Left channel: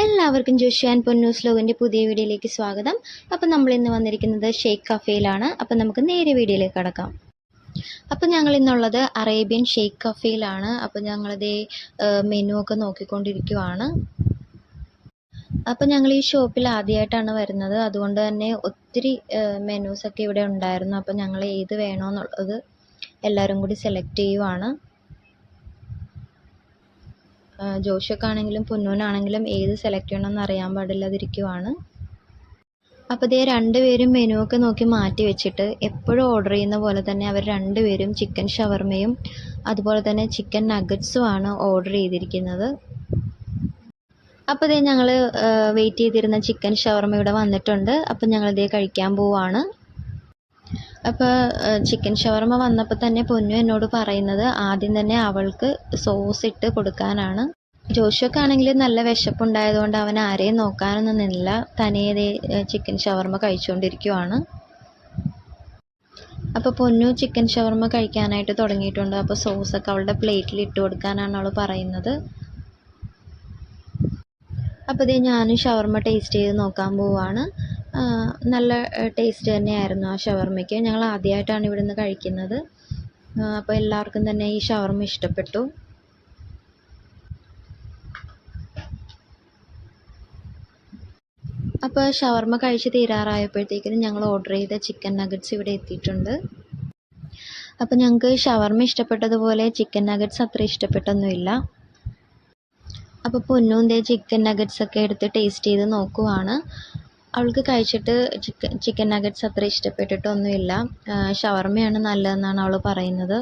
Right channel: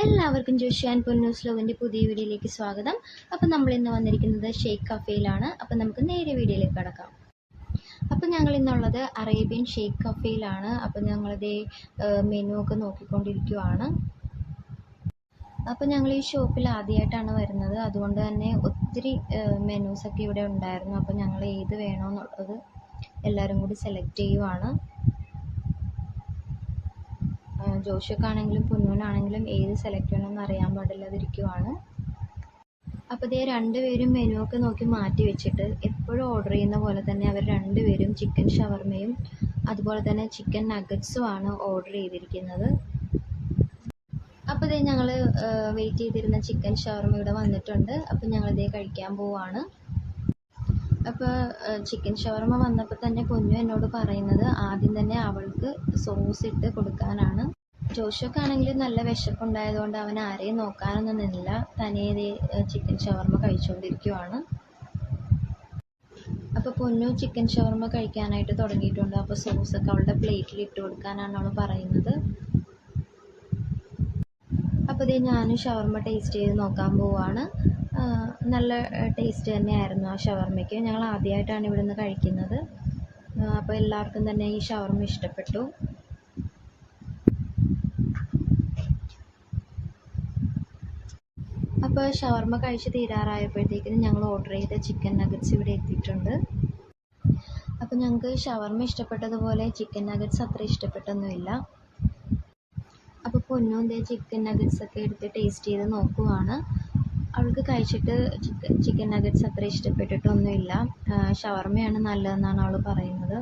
എല്ലാവർക്കും ജോഷി ആൻഡ് പൊന്നൂസ് ലോഗിൻ്റെ പുതിയ വീഡിയോയിലേക്ക് സ്വാഗതം. അപ്പോൾ നമ്മൾ ഇന്ന് വന്നിരിക്കുന്നത് ഷെയ്ഖ് കഫേയിലാണ്. അപ്പോൾ നമുക്ക് നേരെ വീഡിയോയിലേക്ക് കടക്കാം. അപ്പോൾ ഞങ്ങൾ ഇന്നുള്ളത് അറേബ്യൻ ഷെയ്ഖ് കഫേയിലാണ്. അപ്പോൾ ഞങ്ങളിതേ മെനു ഒക്കെ നോക്കിക്കൊണ്ടിരിക്കുവാണ്. അപ്പോൾ ഞങ്ങൾ ഈ ഷോപ്പിൽ ആദ്യമായിട്ടാണ് വരുന്നത്, അതുകൊണ്ട് തന്നെ ഒത്തിരി മെനൂസൊക്കെ ഇവിടെ ഉണ്ടായിരുന്നു. അപ്പോൾ ഞങ്ങൾ ഏത് വേണമെന്നുള്ളത് എല്ലാവരും കൂടി സെലക്ട് ചെയ്യുവാണ്. ജോഷിക്കാണെങ്കിലും പൊന്നൂനാണെങ്കിലും ഏത് സെലക്ട് ചെയ്യണമെന്ന് അറിയാൻ പാടില്ലാതിരിക്കുവാണ്. അപ്പോൾ ഇതേ രണ്ടുപേരും മെനു ഒക്കെ നോക്കി മാറ്റി വെച്ചിട്ട് എപ്പോഴും ഓർഡർ ചെയ്യുന്ന പോലെ തന്നെ അവർ രണ്ടുപേരും ചിക്കൻ ഷവർമയും അതുപോലെ തന്നെ ചിക്കൻ നഗറ്റ്സുമാണ് ഓർഡർ ചെയ്തിരിക്കുന്നത്. അപ്പോൾ ഇതേ ഞങ്ങൾ വെയിറ്റ് ചെയ്തിരുന്ന ചിക്കൻ ഷവർമ ഇവിടെ വന്നിട്ടുണ്ട്. അപ്പോൾ ഞങ്ങളിതേ കഴിക്കാൻ പോവാണ്. അപ്പോൾ ചിക്കൻ ഷവർമ വന്നപ്പോൾ തന്നെ പൊന്നു എന്നോട് പറയുന്നത് ആദ്യം തന്നെ അവൾക്ക് സോസ് ഇട്ട് കൊടുക്കാനാണ്. ജോഷുവൊക്കെ ആണെങ്കിൽ നല്ല വിശപ്പുണ്ടായതുകൊണ്ട് അവൻ ആരെയും നോക്കാനൊന്നും നിന്നില്ല, തനിയെ ചിക്കൻ ഷവർമ കഴിച്ചുകൊണ്ടിരിക്കുവാണ്. അപ്പോൾ പൊന്നു ചിക്കൻ ഷവർമ കഴിക്കാനായിട്ട് തുടങ്ങിയിട്ടുണ്ട്. അപ്പോൾ സോസൊക്കെ അവളുടെ പ്ലേറ്റിൽ ഇട്ട് കൊടുക്കാനാണ് അവൾ പറയുന്നത്. അപ്പോൾ ഇതേ ഞാനും ഷവർമ ടേസ്റ്റ് ചെയ്ത് നോക്കാൻ പോവാണ്. നല്ല ടേസ്റ്റ് തന്നെയായിരുന്നു ആ ഷവർമയ്ക്ക്. ഞങ്ങൾ ആദ്യമായിട്ടാണ് ഇവിടുന്ന് കഴിക്കുന്നത്. അപ്പോൾ എല്ലാവർക്കും തന്നെ ഈ ഷവർമ ഇഷ്ടപ്പെട്ടു. അപ്പോൾ ഷവർമ കഴിച്ച് തീരാറായപ്പോഴത്തേക്കും ഞങ്ങൾ ഓർഡർ ചെയ്ത ചിക്കൻ നഗറ്റ്സ് ഇവിടെ എത്തിയിട്ടുണ്ട്. അപ്പോൾ ഞങ്ങൾക്ക് ഷവർമ ഇഷ്ടപ്പെട്ടതുപോലെ ചിക്കൻ നഗറ്റ്സ് അത്ര ഇഷ്ടപ്പെട്ടൊന്നുമില്ല. അപ്പോൾ പൊന്നും ദേ ചിക്കൻ നഗറ്റ്സ് ഒക്കെ എടുത്ത് ടേസ്റ്റ് ചെയ്ത് നോക്കുവാണ്. അവൾക്ക് കഴിച്ചിട്ട് ചിക്കൻ നഗറ്റ്സ് അത്ര ഇഷ്ടപ്പെട്ടിട്ടൊന്നുമില്ല. ഷവർമയാണ് നല്ലതെന്നാണ് അവൾ പറയുന്നത്.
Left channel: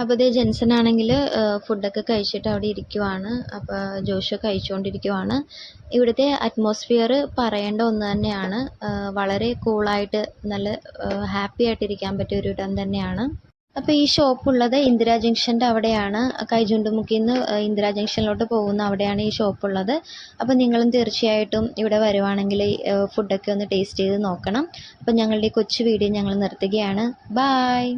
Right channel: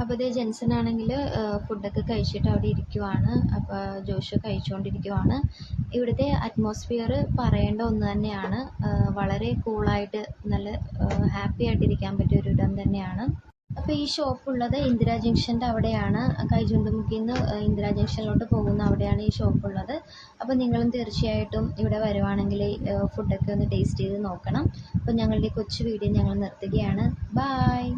അപ്പോൾ ഇതേ ജെൻസൺ ആണെങ്കിൽ ഫുഡൊക്കെ കഴിച്ചിട്ട് അവിടെ ഇരിക്കുവാണ്. അപ്പോൾ ജോഷു കഴിച്ചുകൊണ്ടിരിക്കുവാണ്. ഇവിടുത്തെ അറ്റ്മോസ്ഫിയർ പറയേണ്ട ഒന്ന് തന്നെയാണ്. വളരെ കൂളായിട്ട് നല്ല ഹാപ്പി ആയിട്ടിരിക്കാൻ പറ്റിയ ഒരു ഇടം തന്നെയാണ്. അപ്പോൾ ഈ ഷോപ്പുള്ളത് ഇന്ദിരാ ജംഗ്ഷൻ്റെ അവിടെയാണ്. കൈചുണ്ടുമുക്കിന്ന് ഇന്ദിരാ ജംഗ്ഷനിലോട്ട് പോകുന്ന അവിടെയാണ് ഈ ഷോപ്പുള്ളത്. അപ്പോൾ നിങ്ങളും തീർച്ചയായിട്ടും ഇവിടെ വരുവാണെങ്കിൽ ഫുഡൊക്കെ ഒന്ന് ടേസ്റ്റ് ചെയ്ത് നോക്കണം. അപ്പോൾ ഞങ്ങളുടെ കൊച്ചു വീഡിയോ ഞങ്ങൾ നിർത്തുകയാണ്. ബായ്.